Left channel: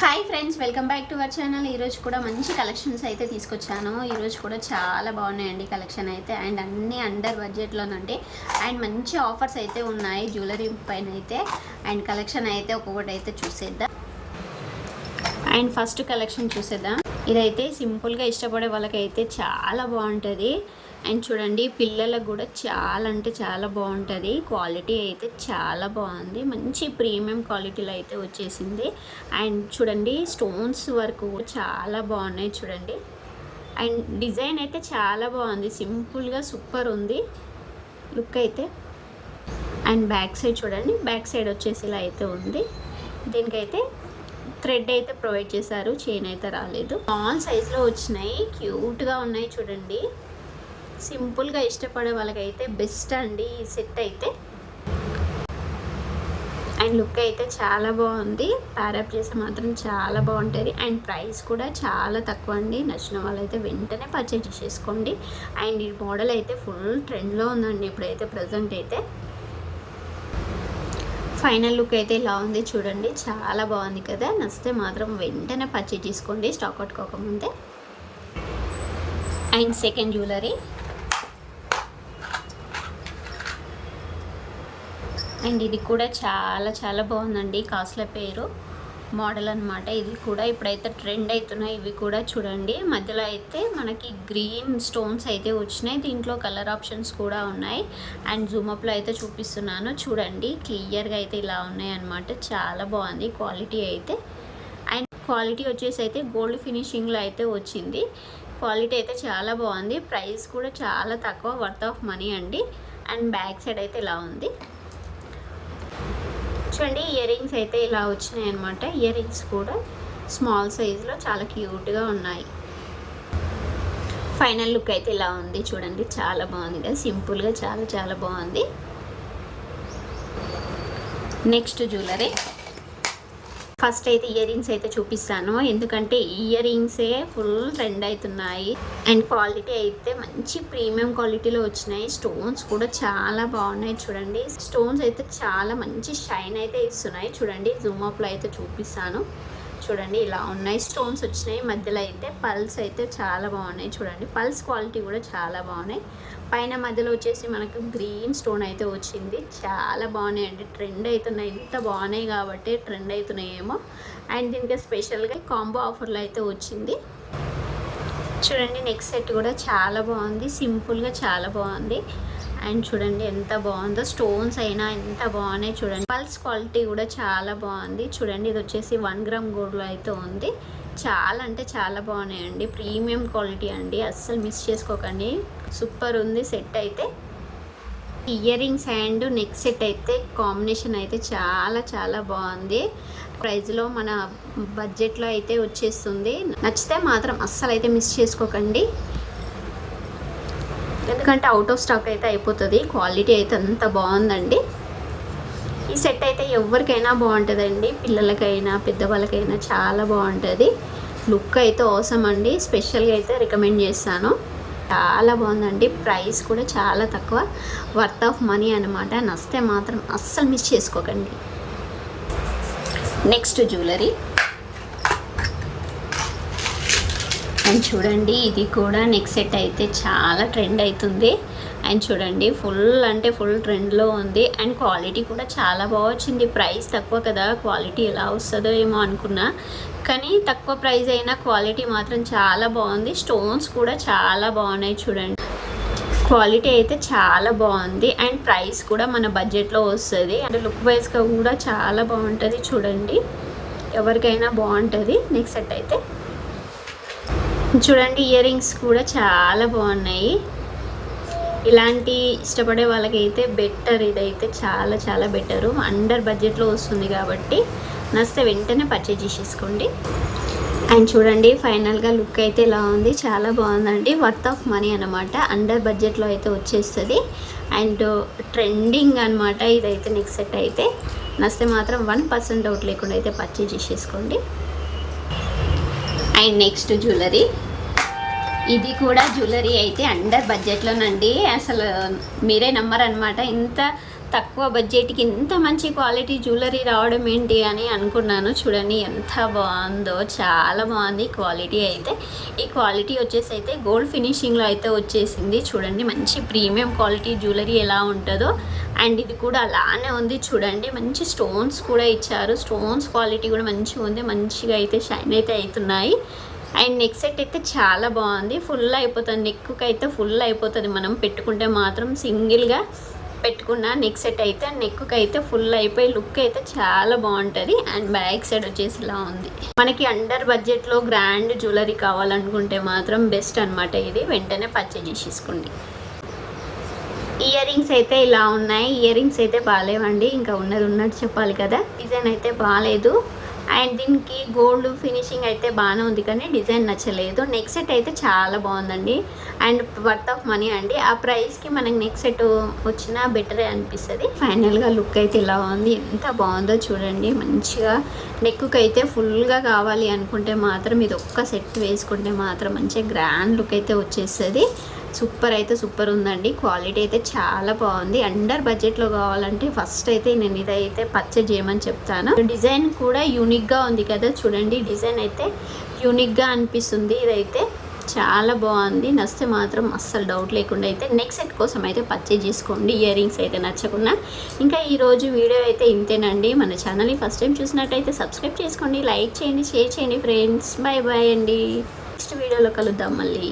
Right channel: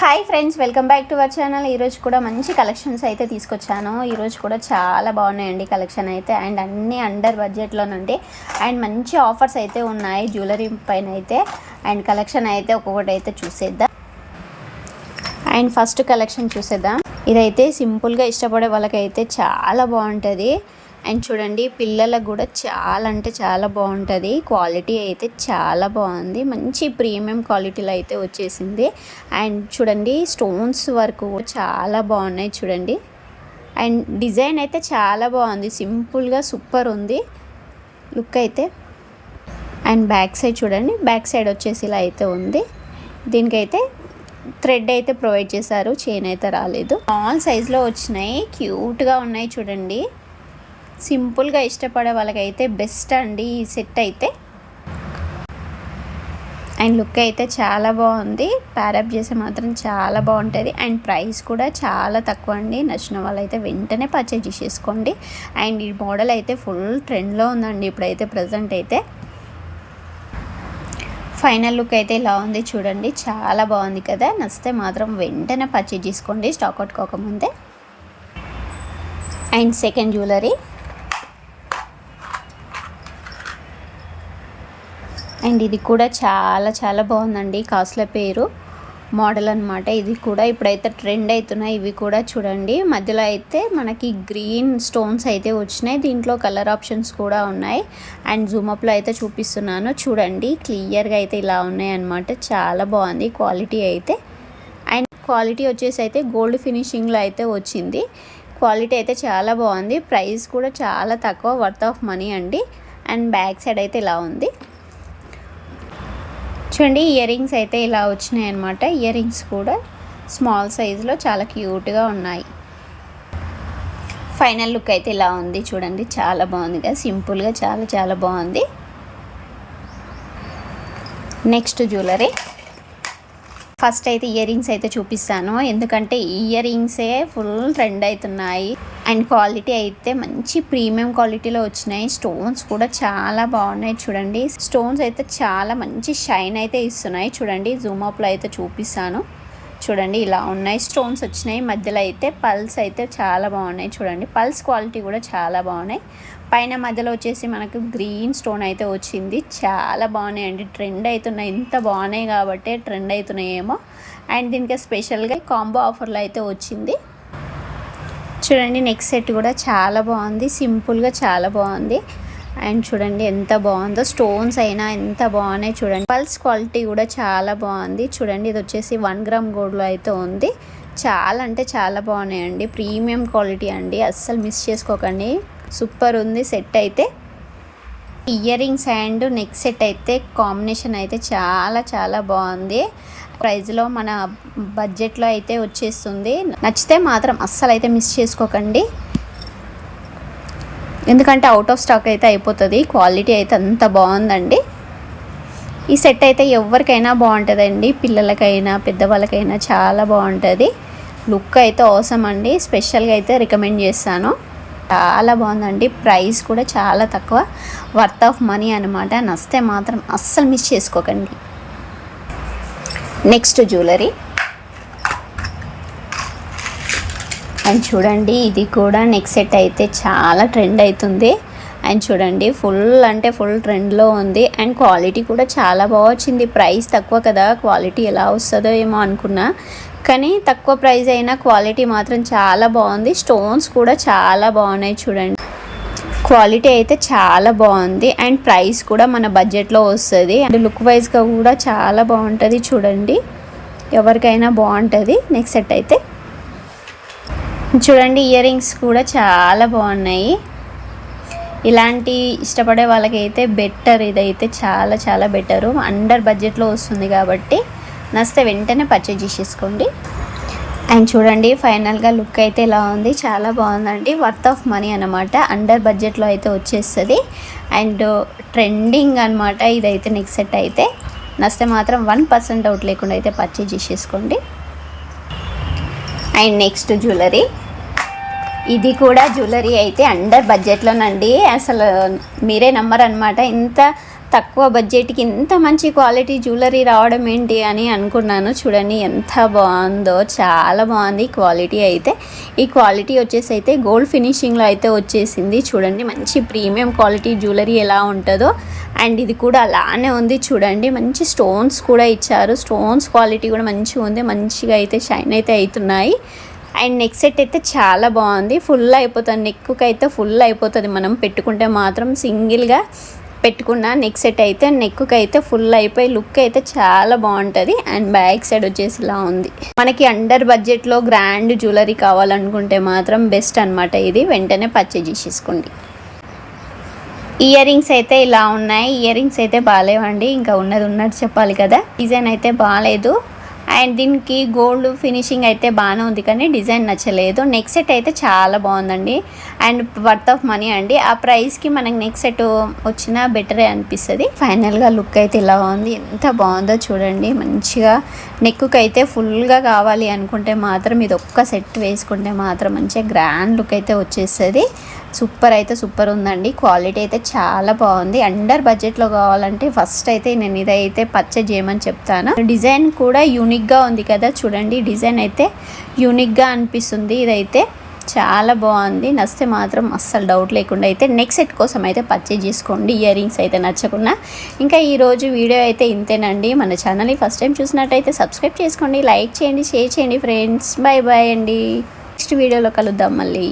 Hi friends, welcome back to our channel. ఈరోజు కూడా మంచి కలెక్షన్స్ అయితే తీసుకొచ్చాను. ఈరోజు కూడా చాలా బాగున్నాయండి కలెక్షన్ అయితే, అండ్ అన్నీ అండర్ బడ్జెట్లోనండి. అండ్ మంచి ఆఫర్స్ అయితే ఉన్నాయి జ్యువెలరీ పైన అయితే. అండ్ కలెక్షన్ అయితే ఒక్కొక్కటి అయితే చూసేద్దాం. అండ్ ఫస్ట్ కలెక్షన్ చూసేద్దాం. ఇదైతే సింపుల్గా ఇష్టపడే వాళ్ళకైతే చాలా బాగుంటుంది. అండ్ చూడండి, పిల్లలకు కూడా చాలా అంటే చాలా బాగుంటుంది. క్వాలిటీ అయితే చాలా బాగుంది, మంచి ప్రీమియం క్వాలిటీలో అయితే వచ్చేసింది. అండ్ చూడండి, స్టోన్స్ వరకు చాలా బాగున్నాయి చూడండి. అండ్ డిజైన్ అయితే చాలా బాగుంది, సింపుల్గా సూపర్ ఉంది లుక్ అయితే. అండ్ బ్యాక్ సైడ్ చూడండి, బ్యాక్ సైడ్ వచ్చేసి ఇలా అయితే ఉంది. దీనికైతే థ్రెడ్ అయితే ప్రొవైడ్ చేశారు, చైన్ అయితే రాలేదు. స్మాల్ సైజులో వచ్చినాయి, క్యూట్గా ఉన్నాయి చూడండి. సింపుల్గా ఇష్టపడే వాళ్ళకైతే బెస్ట్ అండి ఈ సెట్ అయితే. అండ్ లుక్ అయితే చాలా బాగుంది, ప్యారప్ చేసే మాత్రం చాలా బాగుంటుంది. అండ్ ప్రైస్ కూడా చాలా తక్కువ అండి. నచ్చిన వాళ్ళైతే వెంటనే పర్చేజ్ చేసేసుకోండి. అండ్ ఈ మోడల్ అయితే ఫుల్ ట్రెండ్లో ఉందండి ఇప్పుడైతే ప్రజెంట్ అయితే. ఫైనల్ లుక్ అయితే ఇలా ఉంది చూడండి, చాలా బాగుంది కదా. నచ్చితే మాత్రం వెంటనే పర్చేజ్ చేసుకోండి స్టాక్ అవుట్ కాకముందే. And second jewellery. అండ్ ఇది కూడా చాలా చాలా బాగుందండి. కాస్ట్ల పేరు మోడల్ అనమాట. ఇది కూడా ఇప్పుడైతే ట్రెండ్ అవుతున్నాయి ఇవి కూడా చూడండి. మధ్యలో అయితే మనకి గ్రీన్ స్టోన్స్ అయితే వచ్చినాయి, దీంట్లో కలర్ ఆప్షన్స్ కూడా ఉన్నాయి. అండ్ జూమప్లో అయితే చూపిస్తున్నాను చూడండి, క్లియర్గా అయితే ఇలా ఉన్నాయి అనమాట. చాలా బాగుంది క్వాలిటీ అయితే. అండ్ క్వాలిటీ వచ్చేసి అయితే గోల్డ్ ఫినిషింగ్లో అయితే వచ్చింది. క్వాలిటీ అయితే చాలా బాగుంది, ప్రైస్ కూడా చాలా తక్కువ, వర్త్ ఆఫ్ మనీ అండి. అండ్ బ్యాక్ సైడ్ అయితే ఇలా ఉంది చూడండి. ఇయర్ రింగ్స్ అయితే ఇలా వచ్చినాయి అనమాట. ఇయర్ రింగ్స్ కూడా స్మాల్ సైజులో చాలా క్యూట్గా ఉన్నాయి. ఫైనల్ లుక్ అయితే ఇలా ఉంది చూడండి, చాలా బాగుంది కదా, సింపుల్గా చాలా చాలా బాగుంది. Next jewellery. ఫస్ట్ అయితే ఇయర్ రింగ్స్ అయితే చూపిస్తాను, ఎందుకంటే ఇయర్ రింగ్సే ఫుల్ ట్రెండ్ అవుతున్నాయి. అండ్ క్వాలిటీ అయితే మంచి ప్రీమియం క్వాలిటీలో వచ్చినాయి. స్టోన్స్ కూడా చాలా బాగున్నాయి చూడండి. స్టోన్స్ అయితే చాలా మంచి షైన్ అయితే ఇస్తున్నాయి చూడండి. జూమ్ అప్లో అయితే చూపిస్తాను చూడండి, ఇలా ఉన్నాయి. స్టోన్స్ వచ్చినాయి మధ్యలో అయితే. పల్స్ అయితే చాలా బాగున్నాయి చూడండి, పల్స్ క్వాలిటీ కూడా చాలా బాగున్నాయి. పైన మధ్యలో వచ్చేసి మనకు గ్రీన్ స్టోన్ అయితే వచ్చింది, చాలా బాగున్నాయండి. ట్రెండ్ అవుతున్నాయి, ఇంత బాగున్నాయి కాబట్టి ట్రెండ్ అవుతున్నాయేమో. అండ్ దీనికి స్పెషల్గా కాంబో ఆఫర్లో అయితే వచ్చింది చూడండి. నెక్స్ట్ సెట్ కూడా చాలా బాగుంది, సింపుల్గా చాలా బాగుంది. అండ్ చూడండి ఎంత బాగుందో, స్టోన్స్ అయినా ఎంత బాగున్నాయి చూడండి. పల్స్ క్వాలిటీ కూడా చాలా బాగుంది చూడండి. ఇది వచ్చేసి 1 గ్రామ్ గోల్డ్లో అయితే ఉంది. చాలా అంటే చాలా బాగున్నాయండి, ప్రీమియం క్వాలిటీ అండి, అస్సలు మిస్ చేసుకోకండి. సూపర్ ఉంది సెట్ అయితే. Ear rings and neck set అయితే కాంబినేషన్ అయితే చాలా చాలా బాగుంది. ప్రైస్లో మన బడ్జెట్లో అయితే వచ్చేస్తుంది. నచ్చితే మాత్రం అస్సలు అయితే మిస్ చేసుకోకండి, ఎందుకంటే అవుట్ ఆఫ్ స్టాక్ అయితే అయిపోతుంది. క్వాలిటీ అయితే అంత బాగుందండి. ఈ సెట్ అయితే ఎవరికైనా బాగుంటుందండి, పిల్లలకైనా పెద్దవాళ్ళకైనా చాలా బాగుంటుంది. లుక్ అయితే అవసరం అండి, స్పెషల్గా అయితే రికమెండ్ చేస్తాను. చాలా బాగుందండి, ప్రైస్ కూడా చాలా తక్కువ, వర్త్ ఆఫ్ మనీ అనమాట. నచ్చితే మాత్రం అస్సలు మిస్ చేసుకోకండి. Next jewellery. అండ్ చూడండి, ఇది కూడా నెక్ సెట్ అయితే చాలా ట్రెండ్ అవుతుంది. అండ్ చూడండి, ఫుల్ అంటే ఫుల్ ట్రెండ్లో ఉంది. అండ్ క్వాలిటీ కూడా చాలా బాగా వచ్చింది. ప్రైస్ తక్కువ కదా, క్వాలిటీ ఎలా వస్తుందో ఏమో అనుకున్నా, కానీ తక్కువ ప్రైస్ అయినా క్వాలిటీ మాత్రం చాలా బాగుంది. స్టోన్స్ కూడా చాలా బాగున్నాయి చూడండి. క్వాలిటీ అయితే చాలా బాగుంది. అండ్ ప్రైస్ కూడా మన బడ్జెట్లో వస్తుంది. అండ్ లుక్ వైజ్గా కూడా చాలా బాగుంటుంది చూడండి, ఎవరికైనా బాగుంటుంది. నెక్స్ట్ సెట్ అయితే చూడండి, ఇయర్ రింగ్స్ కూడా చాలా బాగున్నాయి. ఇలాంటి ఇష్టపడే వాళ్ళకైతే బెటర్, ఇదైతే చాలా చాలా బెటరు. అండర్ బడ్జెట్లో వస్తుంది కాబట్టి నచ్చితే వెంటనే పర్చేజ్ చేసేసుకోండి. అండ్ చూడండి, ఫైనల్గా లుక్ అయితే ఇలా ఉంది, చాలా బాగుందండి. వర్త్ ఆఫ్ మనీ అనమాట, అండర్ బడ్జెట్లో అయితే వచ్చేస్తుంది. అండ్ ట్రెండింగ్ అనమాట ఇదైతే. నెక్స్ట్ సెట్ అయితే నచ్చితే మాత్రం 1% డౌట్ లేకుండా అయితే పర్చేజ్ చేసేసుకోండి. And next jewellery. ఇది కూడా జ్యువెలరీ అయితే అండర్ బడ్జెట్లోనండి, అసలు మీరే నమ్మరు అనమాట. ఇంత తక్కువ బడ్జెట్కి ఇంత మంచి క్వాలిటీ జ్యువెలరీ రావడం ఏంటి అని అనుకున్నాను. చూడండి ఎంత బాగుందో, చాలా బాగుంది క్వాలిటీ అయితే. ఈ క్వాలిటీ వచ్చేసి అయితే గోల్డ్ ఫినిషింగ్లో అయితే వచ్చేసింది. చూడండి మంచి ప్రీమియం క్వాలిటీ జ్యువెలరీ ఎలా ఉంటుందో. అండ్ ఇది కూడా అలానే ఉంది చూడండి. మంచి స్టోన్స్ కూడా ఇచ్చారు. స్టోన్స్ క్వాలిటీ కూడా మంచిగా ఉంది. మంచిగా అయితే షైన్ అయితే అవుతున్నాయి. అండ్ నెక్ సెట్ అయితే చాలా బాగుంది. ఫుల్ అయిపోతుంది, నెక్కి అయితే ఫుల్ అయిపోతుంది. మనం పెట్టుకుంటే మాత్రం సింగిల్గా పెట్టుకున్న నెక్ సెట్ అయితే నెక్కి అయితే ఫుల్ అయిపోయి లుక్ అయితే చాలా బాగుంటుంది. అండ్ బ్యాక్ సైడ్ వచ్చేసి ఇలా ఉంది. మనకి అండర్ బడ్జెట్లో గ్రాండ్ జ్యువెలరీ కావాలనుకుంటే మాత్రం బెస్ట్ అనమాట ఇది. వెంటనే పర్చేజ్ చేసేసుకోండి. ఇయర్ రింగ్స్ అయితే ఇలా ఉన్నాయి. ఇయర్ రింగ్స్ అయితే బాగాలేవండి, ఇంకా ఉన్నది ఉన్నట్టు చెప్పాలి కదా. డిజైన్ అయితే బాగాలేదు. అండ్ దీనికి గోల్డ్ ఫినిషింగ్ అయితే బాగానే ఉంది కానీ డిజైన్ నచ్చలేదు. నెక్ సెట్ అయితే చాలా బాగుందండి అండ్ వర్త్ ఆఫ్ మనీ అండి. ఆ ప్రైస్కి మనకి నెక్ సెట్ వచ్చినా బెటరే అనిపిస్తుంది. ఫైనల్గా లుక్ అయితే ఇలా ఉంది. ఎంత బాగుందో చూడండి. మంచిగా నెక్కి అయితే ఫుల్గా కావాలి అనుకుంటే మాత్రం ఇది ఒక్క సెట్ వేసుకుంటే మాత్రం మంచిగా గ్రాండ్ లుక్ అయితే వచ్చేస్తుంది. సూపర్ అయితే సూపర్ ఉందండి. క్వాలిటీ అయితే చాలా బాగుంది. అండర్ బడ్జెట్లో కావాలంటే ఫస్ట్ అయితే నేను ఇదైతే పర్చేజ్ చేయమని చెప్తాను. డిజైన్ కూడా యూనిక్గా ఉంది కదా చూడండి. డిజైన్ అయితే యూనిక్గా అనిపిస్తుంది. ఇదైతే చాలా బాగుంది. నచ్చితే మాత్రం అస్సలు డౌట్ లేకుండా అయితే నెక్ సెట్ కోసం అయితే పర్చేజ్ చేసుకోండి. ఇయర్ రింగ్స్ అయితే నచ్చకుండా. ఇంకా ఈరోజు వీడియో అయితే ఇంతేనండి. మన ఛానల్ని ఫస్ట్ టైం చూసినట్టయితే సబ్స్క్రైబ్ చేసుకోండి, లైక్ చేయండి, షేర్ చేయండి ఫ్రెండ్స్. బాయ్ బాయ్ అండి. నెక్స్ట్ వీడియోలో కలుద్దాం మళ్ళీ.